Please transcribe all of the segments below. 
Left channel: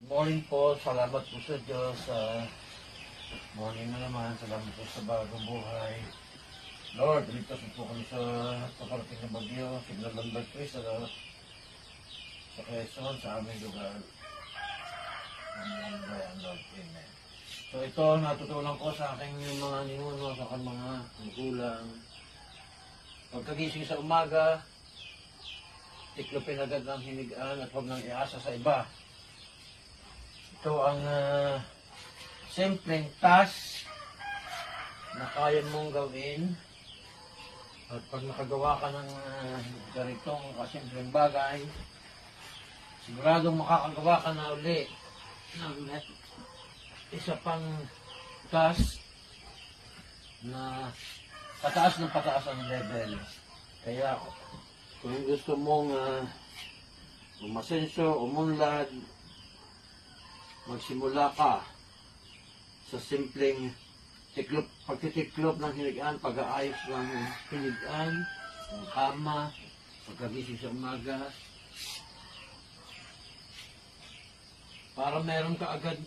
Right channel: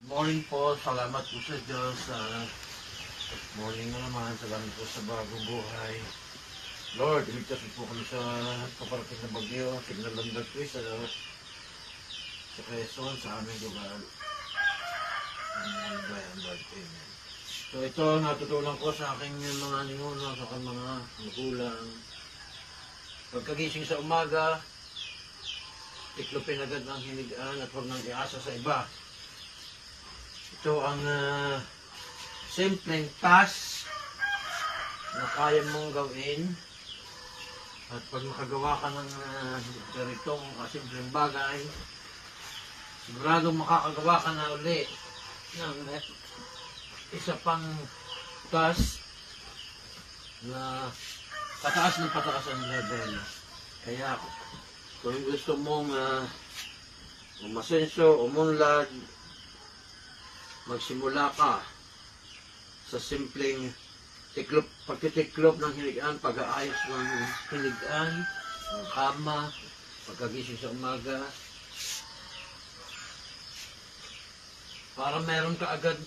Morning po, salamat po sa Diyos. Morning na naman, salamat po sa bagong buhay. Lord, iligtas po kami sa kaparating na bagyo, signal ng nagtwist sa Quezon, sa aming lugar. Ang bayan, Lord, amen. So ito, natutunan ko sa aking mga ninuno, sa aking mga magulang. Pagkagising sa umaga, tiklopin agad ng hinigaan at huwag nang iasa sa iba. Ito ang simpleng task na kaya mong gawin. At pag makagawa ka ng ganitong kasimpleng bagay, siguradong makakagawa ka na uli ng isa pang task na pataas ng pataas ang level. Kaya kung gusto mong umasenso, umunlad, magsimula ka sa simpleng pagtitiklop ng hinigaan, pag-aayos ng hinigaan, ng kama, pagkagising sa umaga, para meron ka agad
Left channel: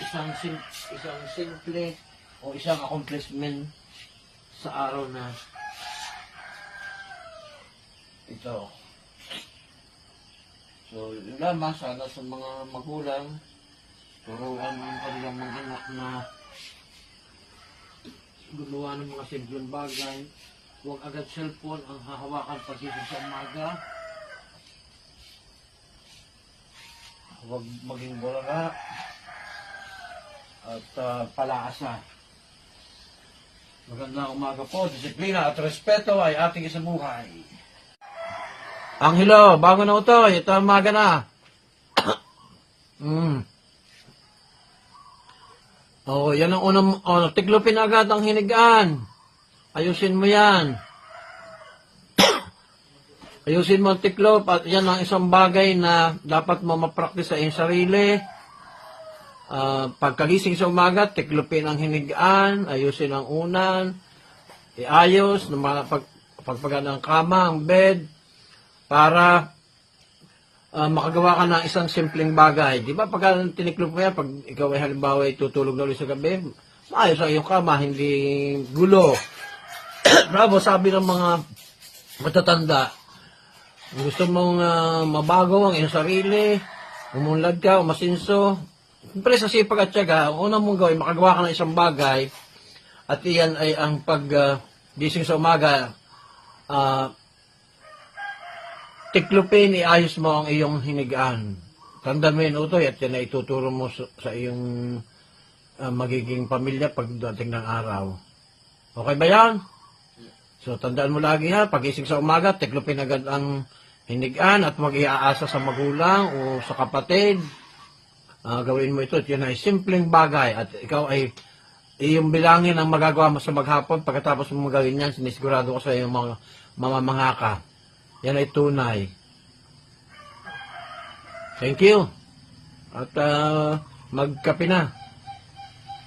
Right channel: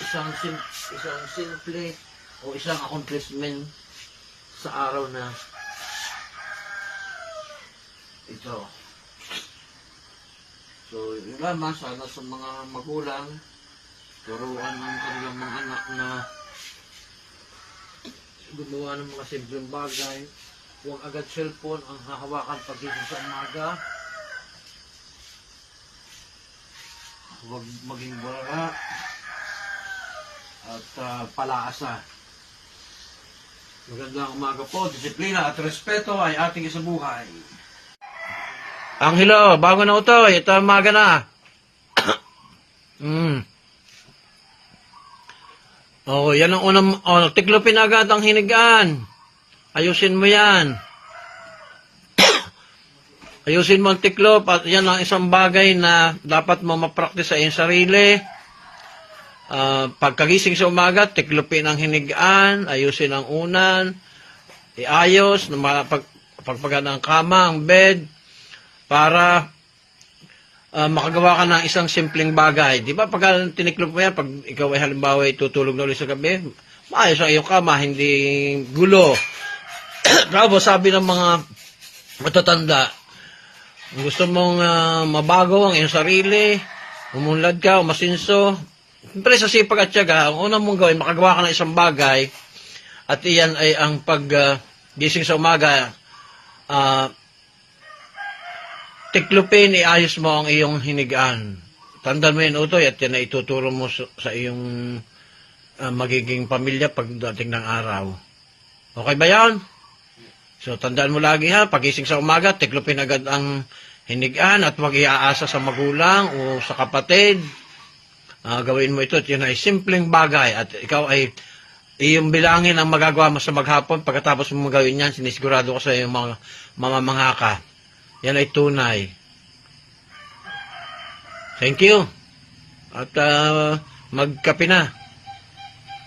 isang simple o isang accomplishment sa araw na ito. So, yun lamang, sana sa mga magulang, turuan ng kanilang mga anak na gumawa ng mga simpleng bagay. Huwag agad cellphone ang hahawakan pagising sa umaga. Huwag maging bulala at palaasa. Magandang umaga po. Disiplina at respeto ay ating isang buhay. Angelo, bago na utoy. Ito ang umaga na. Oh, yan ang unang, tiklopin agad ang hinigaan. Ayusin mo yan. Ayusin mo ang tiklop at yan ang isang bagay na dapat mo ma-practice sa iyong sarili. Pagkagising sa umaga, tiklopin ang hinigaan, ayusin ang unan, iayos, pagpagan ng kama, ang bed, para makagawa ka ng isang simpleng bagay. Di ba pagka tiniklop mo yan, pag ikaw ay halimbawa ay tutulog na ulit sa gabi, maayos ang iyong kama, hindi gulo. Tapos sabi ng mga matatanda, gusto mong mabago ang iyong sarili, umunlad ka, umasinso, siyempre sa sipag at tiyaga, ang unang mong gawin, makagawa ka ng isang bagay, at iyan ay ang paggising sa umaga, tiklopin, iayos mo ang iyong hinigaan. Tandaan mo yun, Utoy, at yan ay ituturo mo sa iyong magiging pamilya pagdating ng araw. Okay ba yan? So, tandaan mo lagi ha, pagising sa umaga, tiklopin agad ang hinigaan at huwag iaasa sa magulang o sa kapatid. Gawin mo ito at yan ay simpleng bagay at ikaw ay iyong bilangin ang magagawa mo sa maghapon. Pagkatapos mo gawin yan, sinisigurado ko sa iyong mga mamamangha ka. Yan ay tunay. Thank you. At magkape na.